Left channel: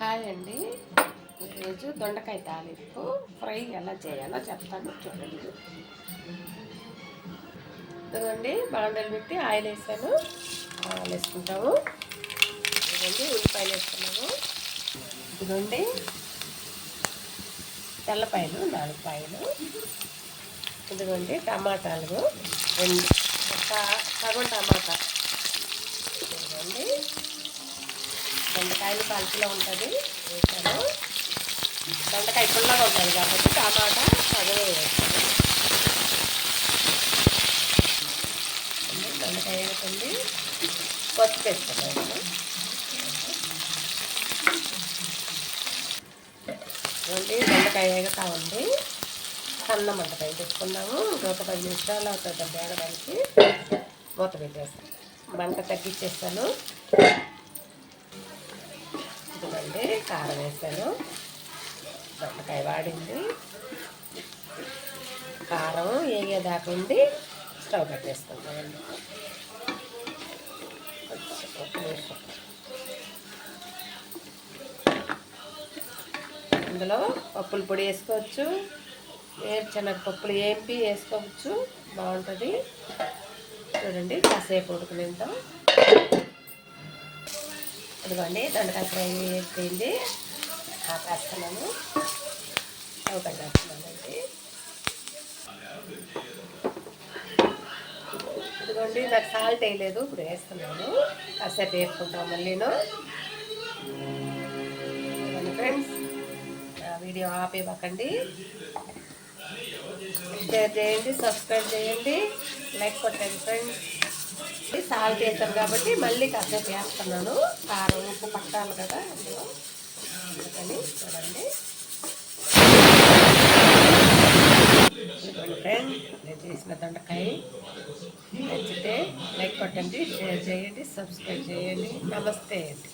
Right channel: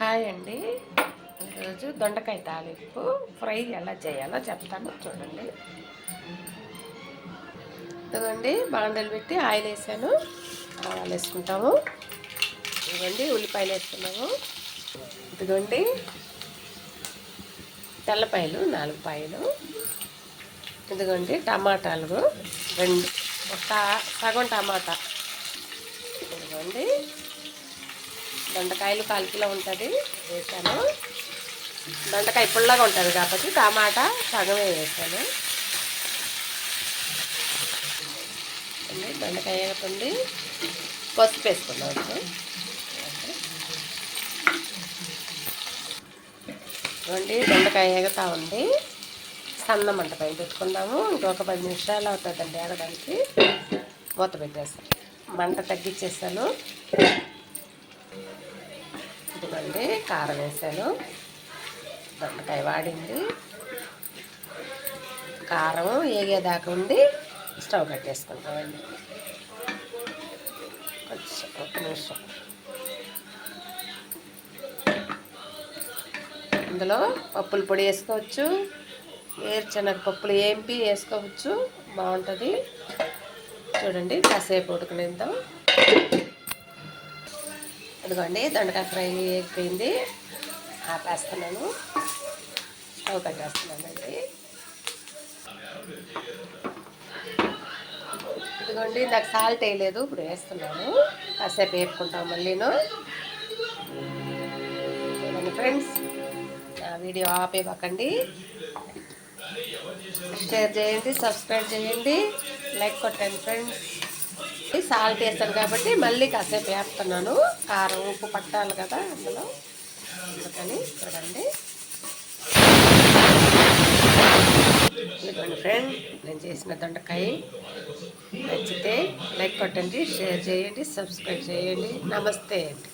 Hi అండి. ఈరోజు దొండకాయ తాలింపు ఫ్రై ఎలా చేయాలో చెప్తాను. చూడండి. ఇదిగోండి బాండలు పెట్టి ఆయిల్ వేసాను. ఆయిల్ వేసుకుంటాము. ఇదిగోండి ఉల్లిపాయలు వేసుకున్నాము ఇదిగోండి తెల్లపాయలు నాలుగు పాయలు. ఇదిగోండి టమాటాలు రెండు. ఒక సగం టమాటా. ఇదిగోండి. దొండకాయలు కాల్కిలో ఉంటుంది వేసాను. దొండకాయ పుల్లగా ఉంటుంది కాబట్టి టమాటా సగమే వేస్తాను దొండకాయ ఉంది పసుపు వేసుకున్నాను. ఇవ్వండి దొండకాయ ఎగతా ఉంది. సన్న మంట పైన పెట్టుకున్నాము ఇంకొక పది నిమిషాలు అవుతుందండి ఎగడానికి మూత పెట్టేస్తాను. మంట తగ్గించేస్తాను. ఇదిగోండి కారం వేసాను. దొండకాయ వాడింది. కారం ఏగేదాకా ఉండి స్టవ్ కట్టేసుకుంటామండి. కొంచెం ఒక నిమిషం. ఇందులో పప్పుల పొడి వేసుకోవచ్చు. వేరుశనగ పప్పులు ఏంపి వేసుకోవచ్చు. బాగుంటుంది. చూడండి కాసేపు ఉడకనిద్దాం. ఇదిగోండి దొండకాయ ఫ్రై అయిపోయింది. ఆపేస్తున్నాను. స్టవ్ కట్టేస్తున్నానండి ఇదిగోండి నాకు సాల్ట్ వేయలేదు ఇప్పుడు వేస్తున్నాను. కాసేపు వేపుకుంటాం మళ్ళీను. ఫ్రెండ్స్ నా వీడియో ఆపేయకండి షేర్ చేయండి సబ్స్క్రైబ్ చేయండి లైక్ కొట్టండి ఫ్రెండ్స్ సాల్ట్ వేస్తాను కాబట్టి మళ్ళీ కాసేపు వేస్తున్నాను. కారం ఉప్పు పట్టాలి కదా అందులో. అందుకని చూడండి. ఇదిగోండి ఫ్రెండ్ నేను చేసిన దొండకాయ. నచ్చితే లైక్ కొట్టండి షేర్ చేయండి సబ్స్క్రైబ్ చేయండి. నమస్తే అండి.